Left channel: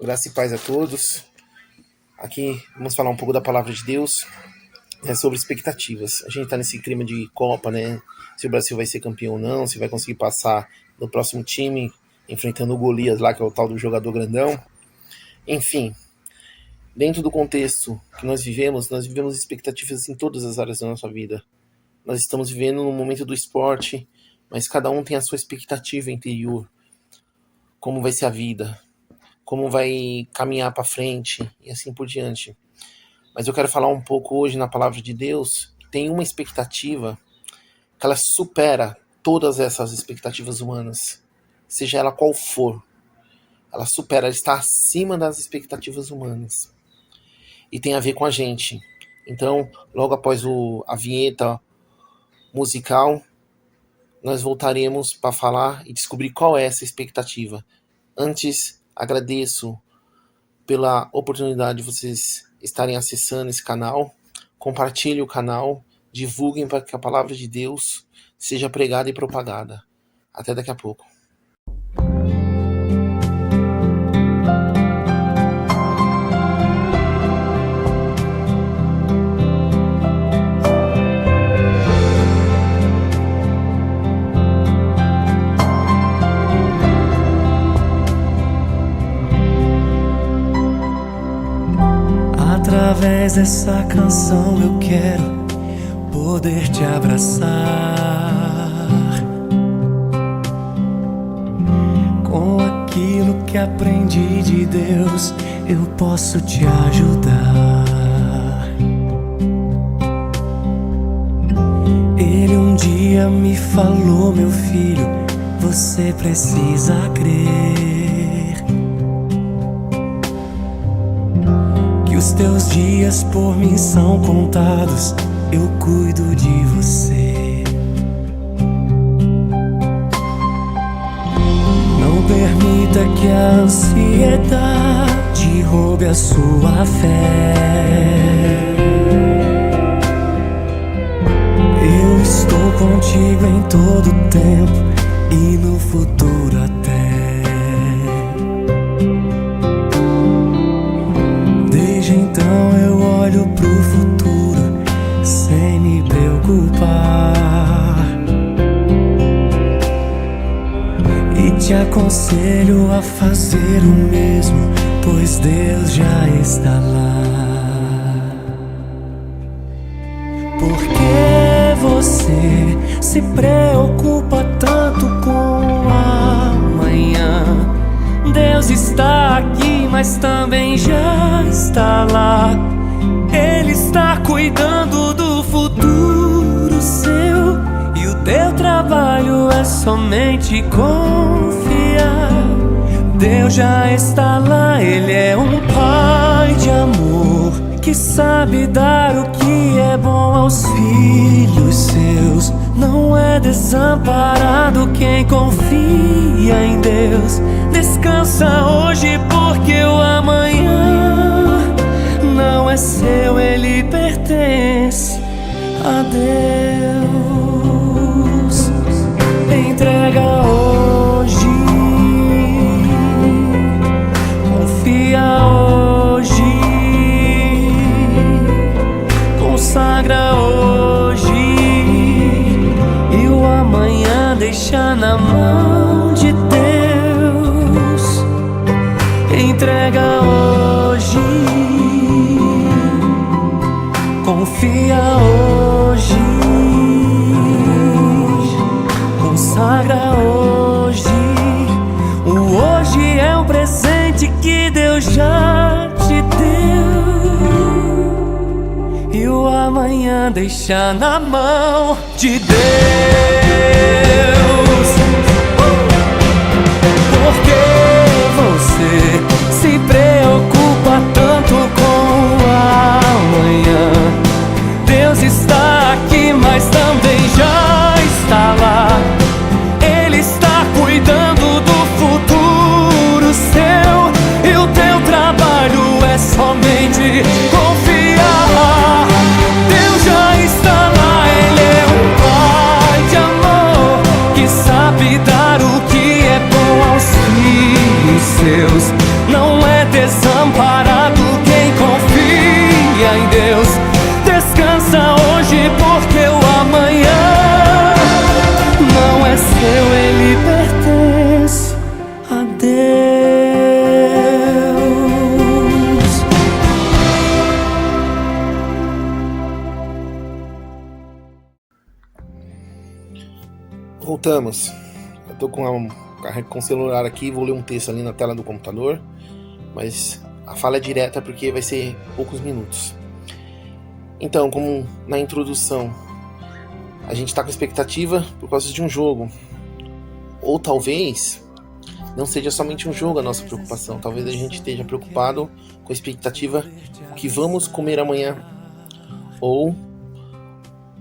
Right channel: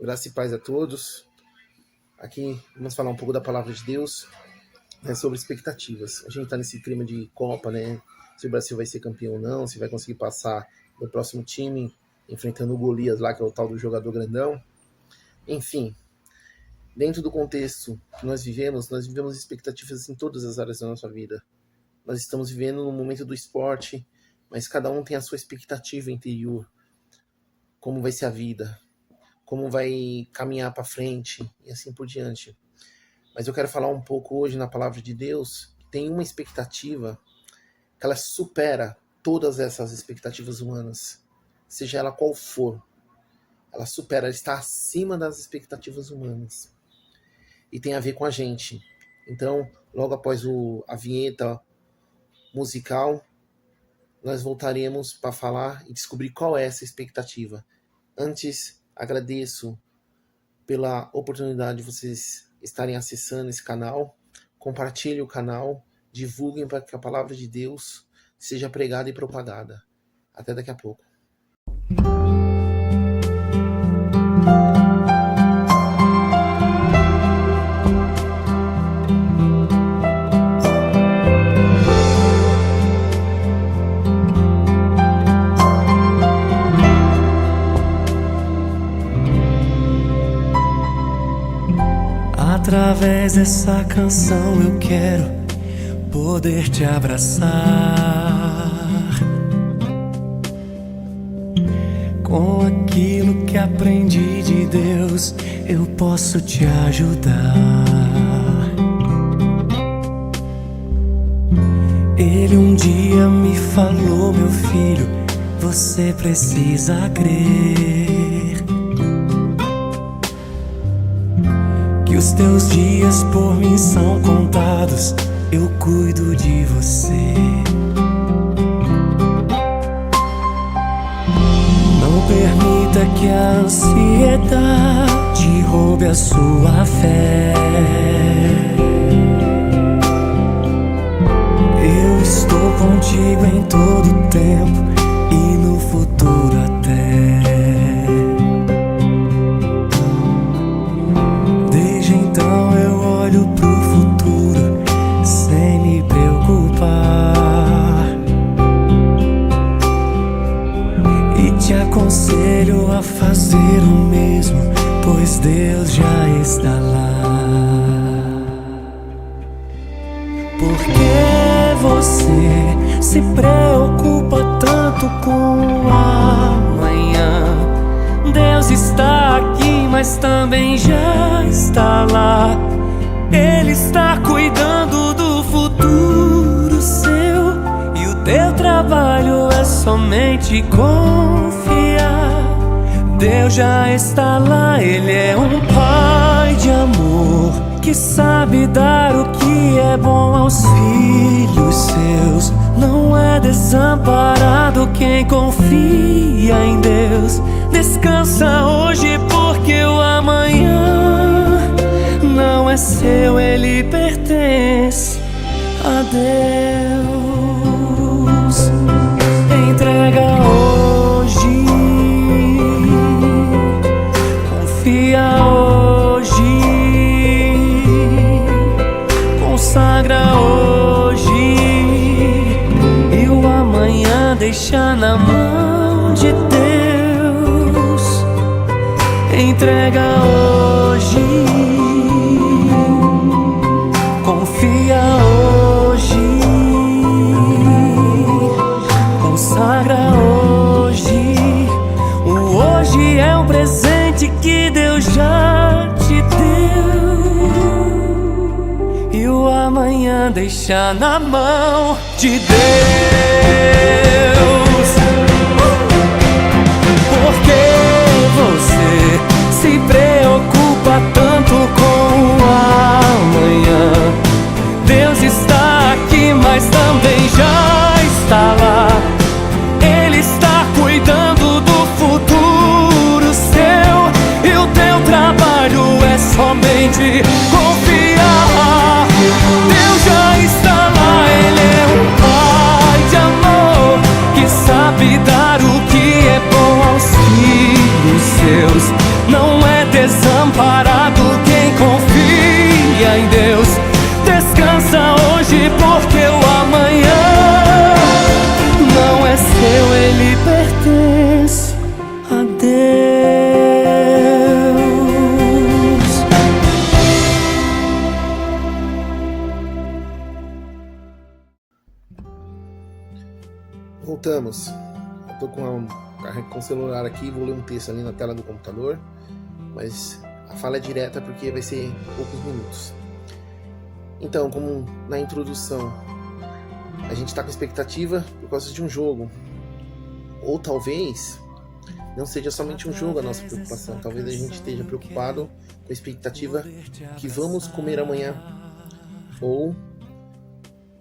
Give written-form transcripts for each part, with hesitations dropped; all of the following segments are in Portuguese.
Graça e paz a todos. Aqui vamos falar um pouco da palavra de Deus, sobre expectativas. A gente está nesse clima de Copa, né? Se o Brasil vai ser campeão ou não, se vai conseguir passar no próximo time, enfrentando o Golias lá, que é o tal do jogador grandão. Enfim, dentro do contexto que nós vivemos expectativas em todas as áreas da nossa vida. Nós estamos vivendo no momento do esporte, mas cada um tem a sua expectativa interior. Como vai ser a vida? Como vai caminhar para frente e assim por diante. Mas eu quero falar um pouco hoje na palavra de Deus, que tem uma expectativa que ela supera todas essas expectativas humanas, seja ela qual for. Ela supera, ela está acima das expectativas humanas. E tem a ver com a gente. Então, logo após a vinheta musical, nós voltaremos para falar e descobrir qual é essa expectativa. Antes, agradeço pela oportunidade de vocês estarem acessando esse canal. Compartilhem o canal, divulguem para que a palavra de Deus seja pregada e propagada. Até daqui a pouco. Através dessa canção eu quero poder te abraçar. Com aquilo que aprendi de Deus, eu posso te ajudar. Ele um dia me falou: meu filho, você precisa crer que os teus dias por mim são contados. Eu cuido de você. Não permita que a ansiedade roube a sua fé. Eu estou contigo em todo tempo e no futuro até. Desde então eu olho pro futuro sem me preocupar, e te aconselho a fazer o mesmo, pois Deus já está lá. Por que você se preocupa tanto com o amanhã? Deus está aqui, mas também já está lá. Ele está cuidando do futuro seu, e o teu trabalho é somente confiar. Deus já está lá, Ele é um pai de amor, que sabe dar o que é bom aos filhos seus. Não é desamparado quem confia em Deus. Descansa hoje, porque o amanhã não é seu, ele pertence a Deus. Entrega hoje, confia hoje, consagra hoje, e o amanhã deixa na mão de Deus. Entrega hoje, confia hoje, consagra hoje. O hoje é um presente que Deus já te deu, e o amanhã deixa na mão de Deus. Por que você se preocupa tanto com o amanhã? Deus está aqui, mas também já está lá. Ele está cuidando do futuro seu, e o teu trabalho é somente confiar. Deus já está lá, Ele é um pai de amor, que sabe dar o que é bom aos filhos seus. Não é Voltamos. Eu tô com o celular aqui, vou ler um texto ali na tela do computador, mas a fala é direta porque vai ser poucos minutos. Então, como na introdução, a gente tá com expectativa por causa de um jogo. Ou talvez não seja somente um jogo a nossa preocupação. Talvez a gente esteja preocupado com a expectativa que vamos comer amanhã. Ou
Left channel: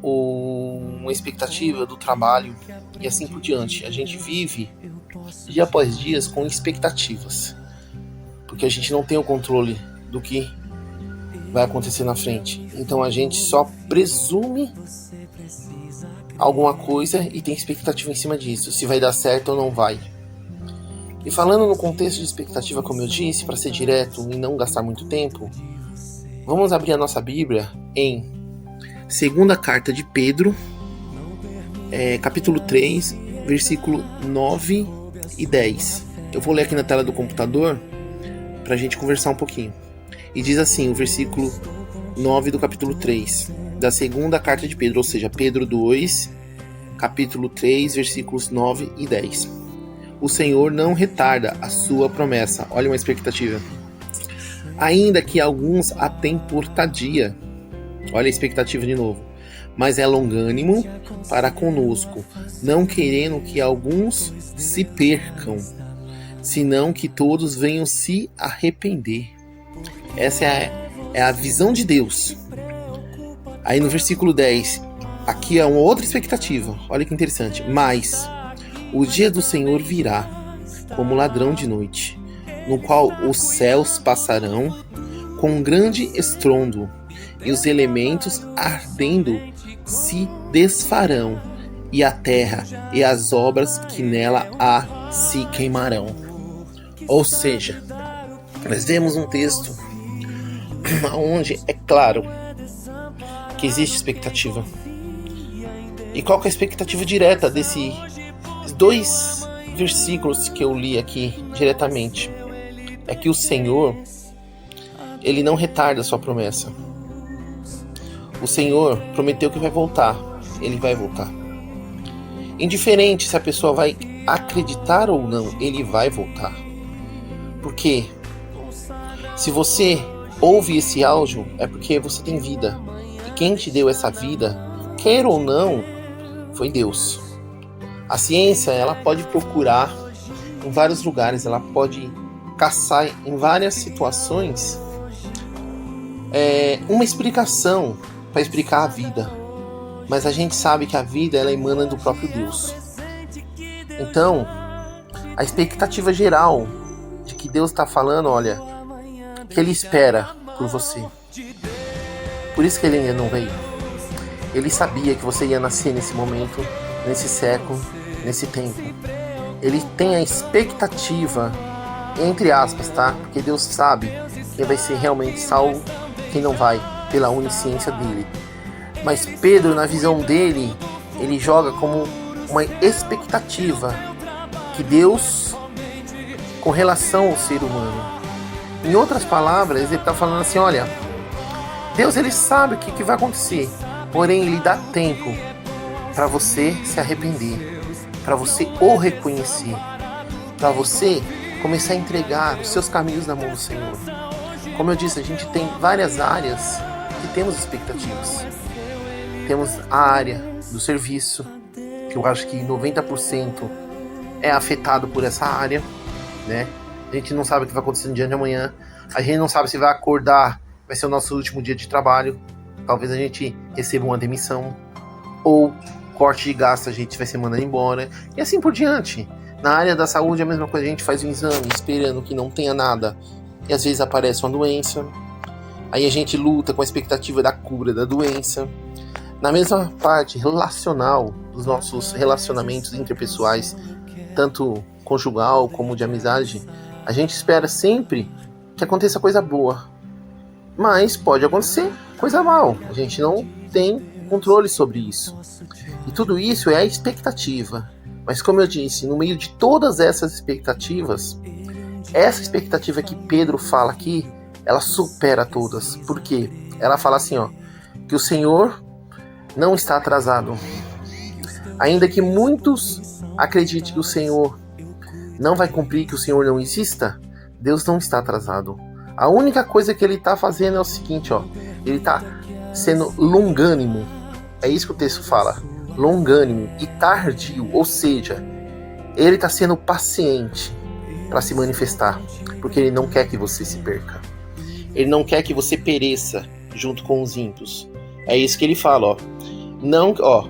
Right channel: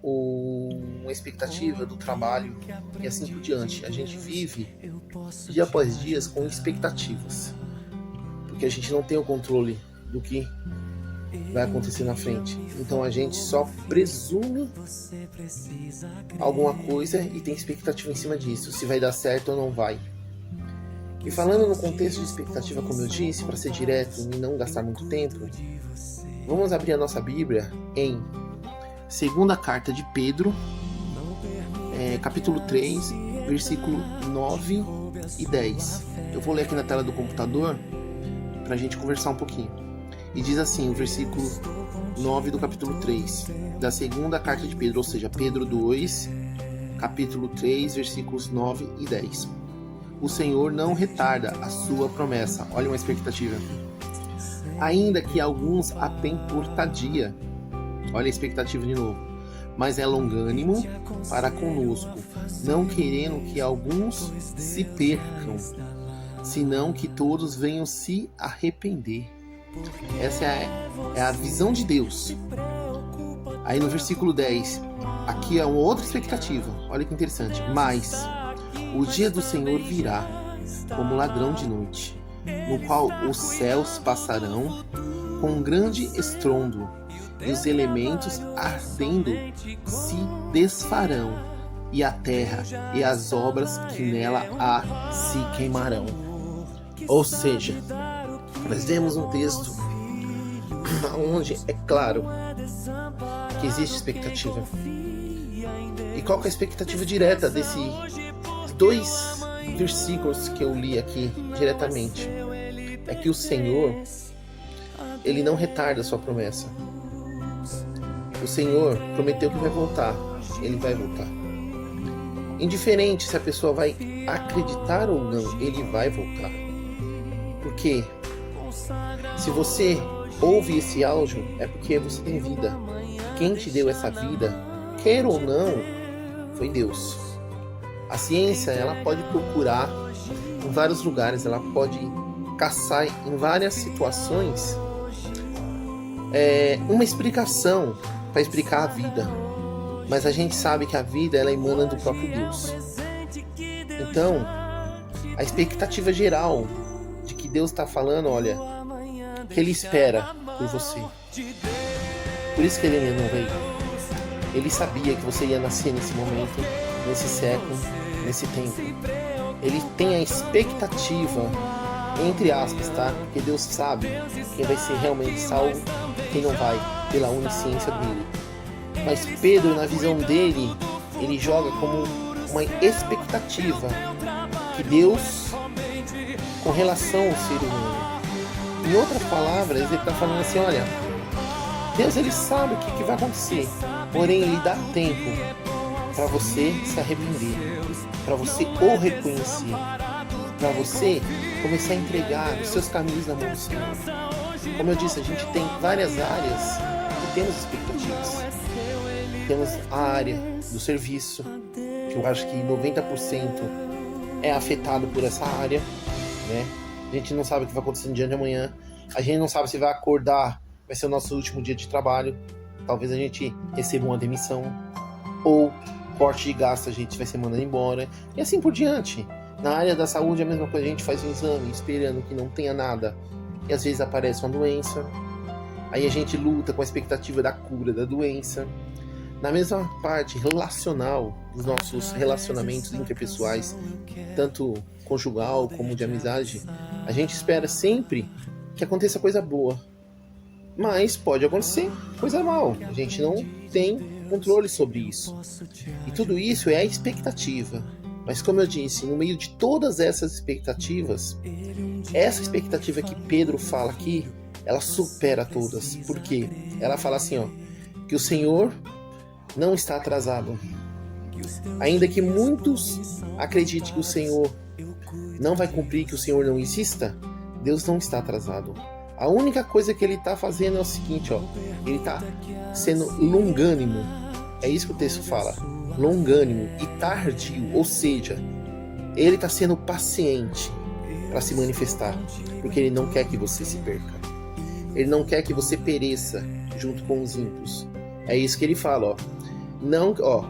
uma expectativa do trabalho e assim por diante. A gente vive dia após dia com expectativas, porque a gente não tem o controle do que vai acontecer na frente. Então a gente só presume alguma coisa e tem expectativa em cima disso, se vai dar certo ou não vai. E falando no contexto de expectativa, como eu disse, para ser direto e não gastar muito tempo, vamos abrir a nossa Bíblia em segunda carta de Pedro, capítulo 3, versículo 9 e 10. Eu vou ler aqui na tela do computador para a gente conversar um pouquinho. E diz assim, o versículo 9 do capítulo 3, da segunda carta de Pedro, ou seja, Pedro 2, capítulo 3, versículos 9 e 10. O Senhor não retarda a sua promessa. Olha uma expectativa. Ainda que alguns a tenham por tardia. Olha a expectativa de novo. Mas é longânimo para conosco, não querendo que alguns se percam, senão que todos venham se arrepender. Essa é a visão de Deus. Aí no versículo 10, aqui é uma outra expectativa. Olha que interessante. Mas o dia do Senhor virá como ladrão de noite, no qual os céus passarão com um grande estrondo, e os elementos ardendo se desfarão, e a terra e as obras que nela há se queimarão. Ou seja, nós vemos um texto onde é claro que existe expectativa. E qual que é a expectativa direta desses dois versículos que eu li aqui diretamente? É que o Senhor, Ele não retarda a sua promessa. O Senhor prometeu que vai voltar. Ele vai voltar. Indiferente se a pessoa vai acreditar ou não, Ele vai voltar. Porque se você ouve esse áudio, é porque você tem vida. E quem te deu essa vida, quer ou não, foi Deus. A ciência, ela pode procurar em vários lugares, ela pode caçar em várias situações uma explicação para explicar a vida, mas a gente sabe que a vida, ela emana do próprio Deus. Então, a expectativa geral de que Deus está falando, olha, que Ele espera por você. Por isso que Ele ainda não veio. Ele sabia que você ia nascer nesse momento, nesse século, nesse tempo. Ele tem a expectativa, entre aspas, tá? Porque Deus sabe quem vai ser realmente salvo, quem não vai, pela onisciência dele. Mas Pedro, na visão dele, ele joga como uma expectativa que Deus, com relação ao ser humano. Em outras palavras, ele está falando assim, olha, Deus, ele sabe o que vai acontecer, porém ele dá tempo para você se arrepender, para você o reconhecer, para você começar a entregar os seus caminhos na mão do Senhor. Como eu disse, a gente tem várias áreas que temos expectativas. Temos a área do serviço, que eu acho que 90% é afetado por essa área, né? A gente não sabe o que vai acontecer no dia de amanhã. A gente não sabe se vai acordar, vai ser o nosso último dia de trabalho. Talvez a gente receba uma demissão. Ou corte de gasto, a gente vai ser mandado embora. E assim por diante. Na área da saúde é a mesma coisa. A gente faz um exame esperando que não tenha nada. E às vezes aparece uma doença. Aí a gente luta com a expectativa da cura da doença. Na mesma parte relacional dos nossos relacionamentos interpessoais, tanto conjugal como de amizade, a gente espera sempre que aconteça coisa boa, mas pode acontecer coisa mal. A gente não tem controle sobre isso. E tudo isso é a expectativa. Mas como eu disse, no meio de todas essas expectativas, essa expectativa que Pedro fala aqui, ela supera todas. Por quê? Ela fala assim, ó, que o Senhor não está atrasado. Ainda que muitos acreditem que o Senhor não vai cumprir, que o Senhor não exista, Deus não está atrasado. A única coisa que ele está fazendo é o seguinte, ó, ele está sendo longânimo. É isso que o texto fala, longânimo e tardio, ou seja, ele está sendo paciente para se manifestar, porque ele não quer que você se perca. Ele não quer que você pereça junto com os ímpios. É isso que ele fala, ó. Não, ó,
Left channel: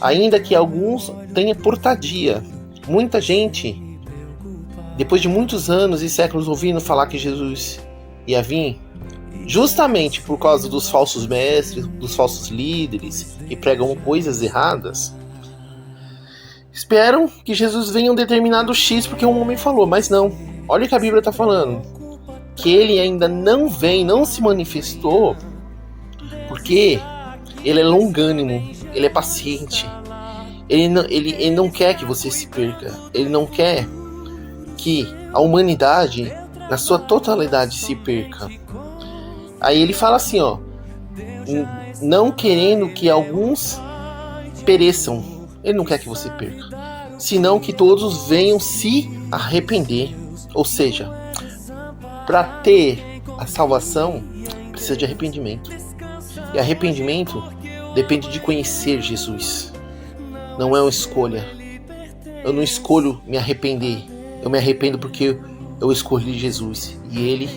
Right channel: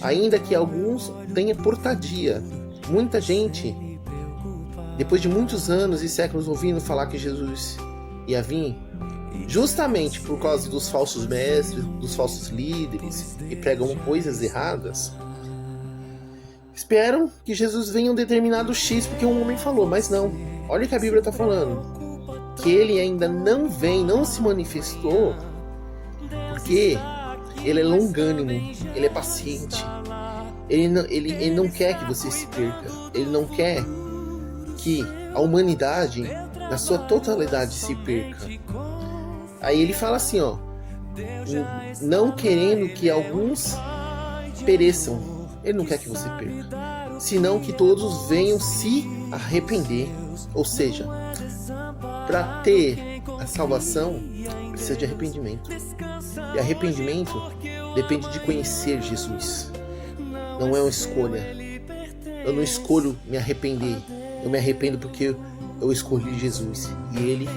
ainda que alguns tenham portadia. Muita gente, depois de muitos anos e séculos ouvindo falar que Jesus ia vir, justamente por causa dos falsos mestres, dos falsos líderes que pregam coisas erradas, esperam que Jesus venha um determinado X porque um homem falou, mas não. Olha o que a Bíblia está falando. Que ele ainda não vem, não se manifestou, porque ele é longânimo, ele é paciente. Ele não quer que você se perca. Ele não quer que a humanidade, na sua totalidade, se perca. Aí ele fala assim, ó, não querendo que alguns pereçam. Ele não quer que você perca, senão que todos venham se arrepender. Ou seja, para ter a salvação, precisa de arrependimento. E arrependimento depende de conhecer Jesus. Não é uma escolha. Eu não escolho me arrepender. Eu me arrependo porque eu escolhi Jesus. E Ele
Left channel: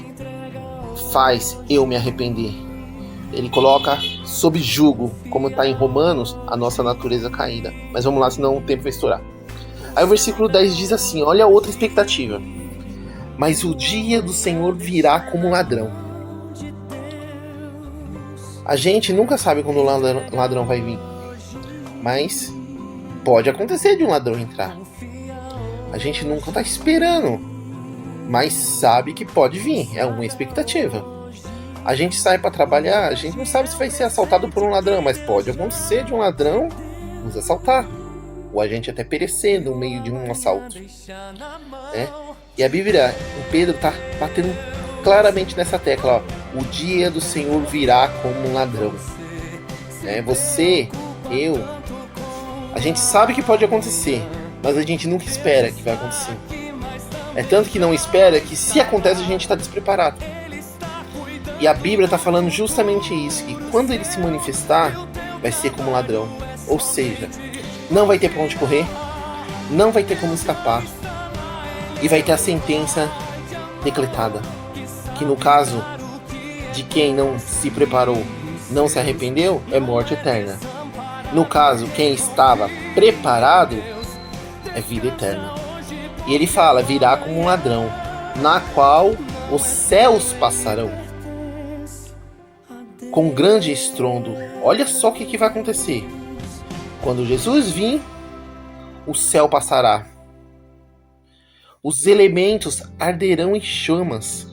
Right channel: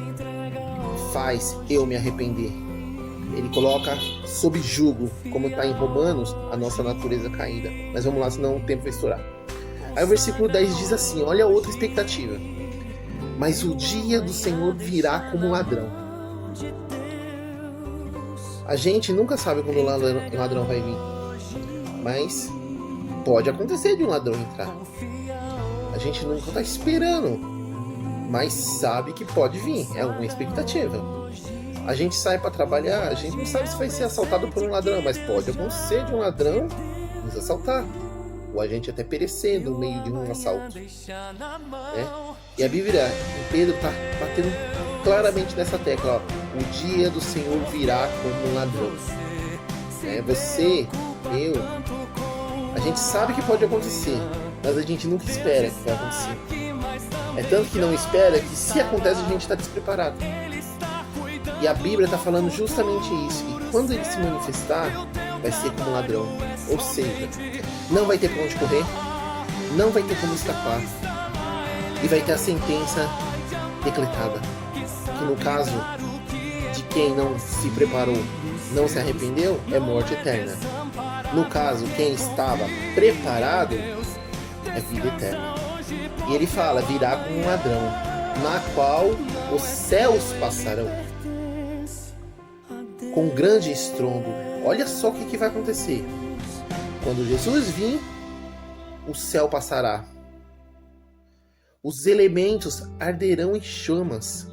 faz eu me arrepender. Ele coloca sob jugo, como está em Romanos, a nossa natureza caída. Mas vamos lá, senão o tempo vai estourar. Aí o versículo 10 diz assim, olha a outra expectativa. Mas o dia do Senhor virá como ladrão. A gente nunca sabe quando o ladrão vai vir. Mas pode acontecer de um ladrão entrar. A gente nunca está esperando. Mas sabe que pode vir. É uma expectativa. A gente sai para trabalhar, a gente não sabe se vai ser assaltado por um ladrão. Mas pode acontecer de um ladrão nos assaltar. Ou a gente até perecer no meio de um assalto. E a Bíblia, em Pedro, está batendo claramente nessa tecla. Ó, o dia do Senhor virá como um ladrão. Você, eu, a gente sabe que pode acontecer, mas a gente nunca espera que vai acontecer. É tanto que não espera que se acontece a gente está despreparado. E a Bíblia está falando justamente isso, que quando ele se manifestar, vai ser como ladrão. Ou seja, não vai ter pra onde correr, não vai ter como escapar, e vai ter a sentença decretada, que no caso de quem não se preparou, não se arrependeu, é morte eterna. No caso, quem estava preparado, é vida eterna. E ele fala, virá como um ladrão, na qual os céus passarão com grande estrondo. Olha só o que vai acontecer. Quando Jesus vir, o céu passará. Os elementos arderão em chamas.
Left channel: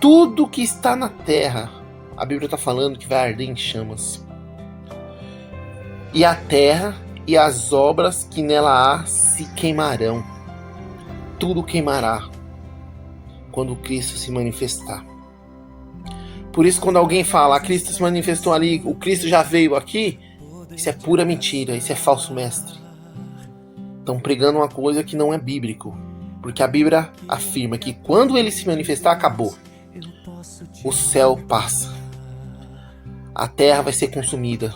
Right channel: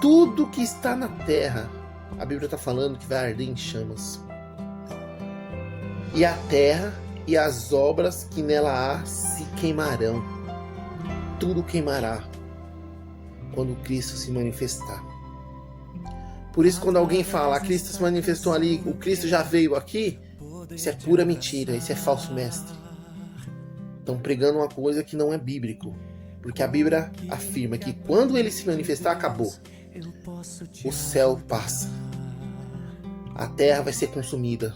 Tudo que está na terra, a Bíblia está falando que vai arder em chamas. E a terra e as obras que nela há se queimarão. Tudo queimará quando Cristo se manifestar. Por isso, quando alguém fala, Cristo se manifestou ali, o Cristo já veio aqui, isso é pura mentira, isso é falso mestre. Estão pregando uma coisa que não é bíblico. Porque a Bíblia afirma que quando ele se manifestar, acabou. O céu passa. A terra vai ser consumida.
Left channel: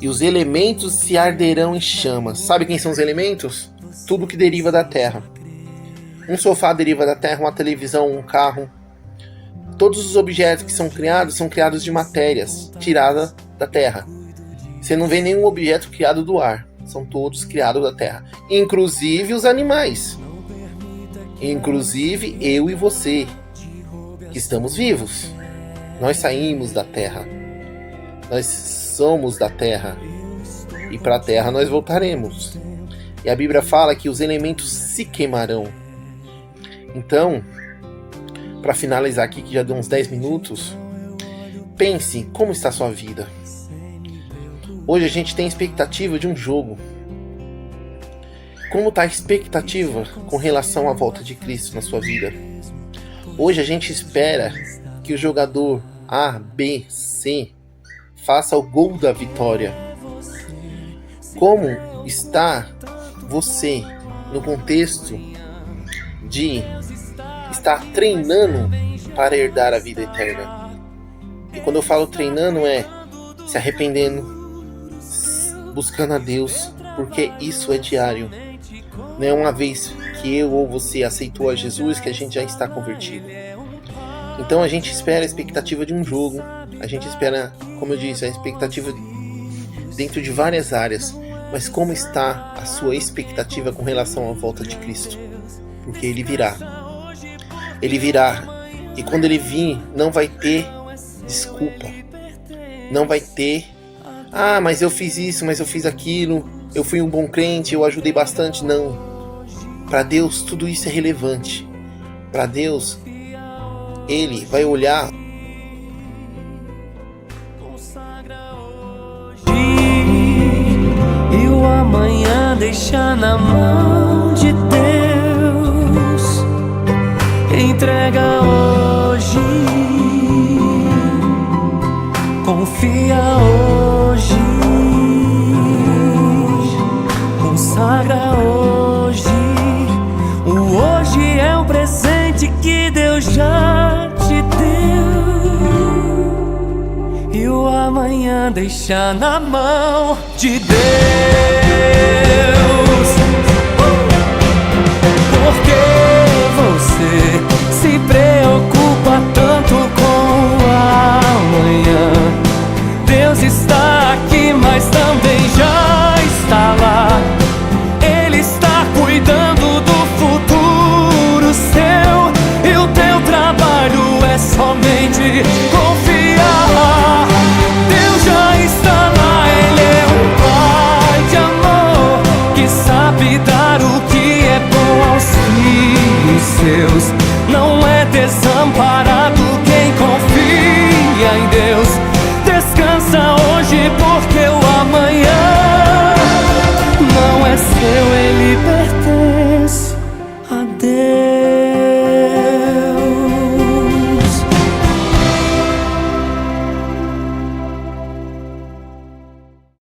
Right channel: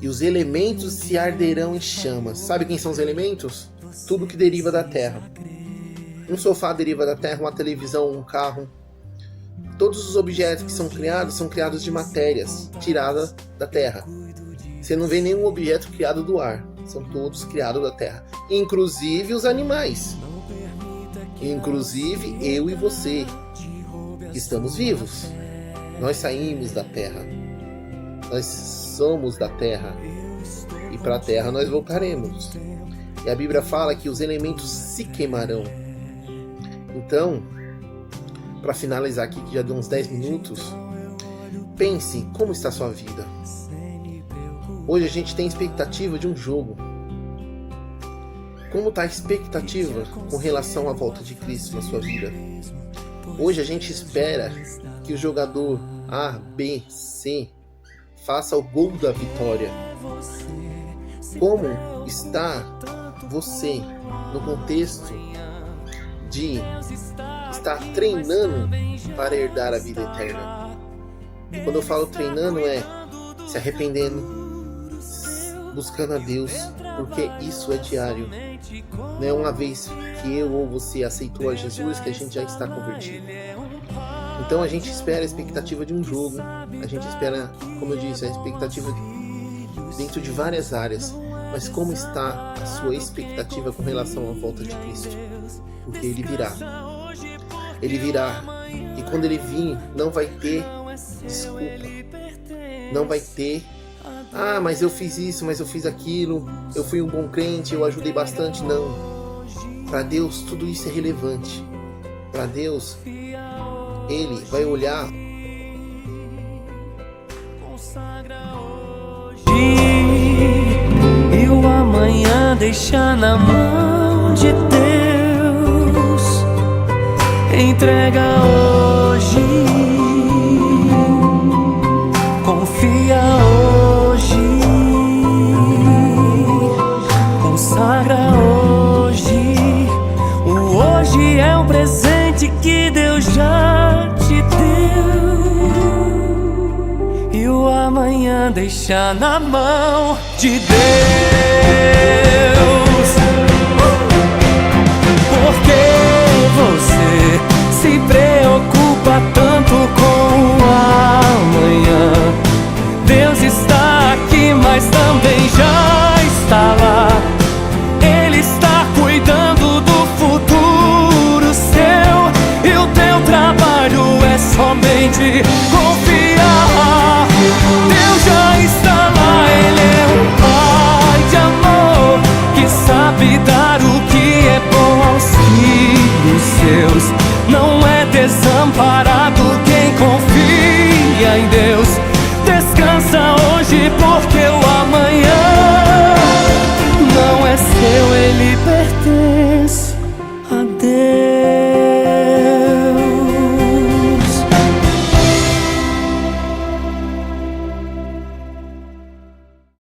E os elementos se arderão em chamas. Sabe quem são os elementos? Tudo que deriva da terra. Um sofá deriva da terra, uma televisão, um carro. Todos os objetos que são criados de matérias tiradas da terra. Você não vê nenhum objeto criado do ar. São todos criados da terra. Inclusive os animais. Inclusive eu e você, que estamos vivos. Nós saímos da terra. Nós somos da terra. E para a terra nós voltaremos. E a Bíblia fala que os elementos se queimarão. Então, para finalizar aqui, que já deu uns 10 minutos, pense como está a sua vida. Hoje a gente tem expectativa de um jogo. Como está a expectativa com relação à volta de Cristo na sua vida? Hoje a gente espera que o jogador A, B, C faça o gol da vitória. Como está você no contexto de estar treinando para herdar a vida eterna? E quando eu falo treinando, é se arrependendo, buscando a Deus, porque isso é diário. Não é uma vez que eu ou você aceitou a Jesus que a gente já está convertido. Então a gente espera a expectativa de um jogo, a gente espera, como eu disse, a expectativa dentro de várias áreas. Mas como está a sua expectativa com relação à volta de Cristo? Porque Ele virá. Ele virá. E quando Ele vir, não vai ter desculpa. Não vai ter: ah, mas eu fiz isso, mas eu fiz aquilo, eu fui um bom crente, eu ajudei bastante. Não. Para Deus tudo isso é relevante. Para Deus, Ele vai olhar. E o amanhã deixa na mão de Deus. Entrega hoje, confia hoje, consagra hoje. O hoje é um presente que Deus já te deu. E o amanhã deixa na mão de Deus. Por que você se preocupa tanto com o amanhã? Deus está aqui, mas também já está lá. Ele está cuidando do futuro seu, e o teu trabalho é somente confiar. Deus já está lá, Ele é um Pai de amor que sabe dar o que é bom aos filhos seus. Não é desamparado quem confia em Deus. Descansa hoje, porque o amanhã não é seu, Ele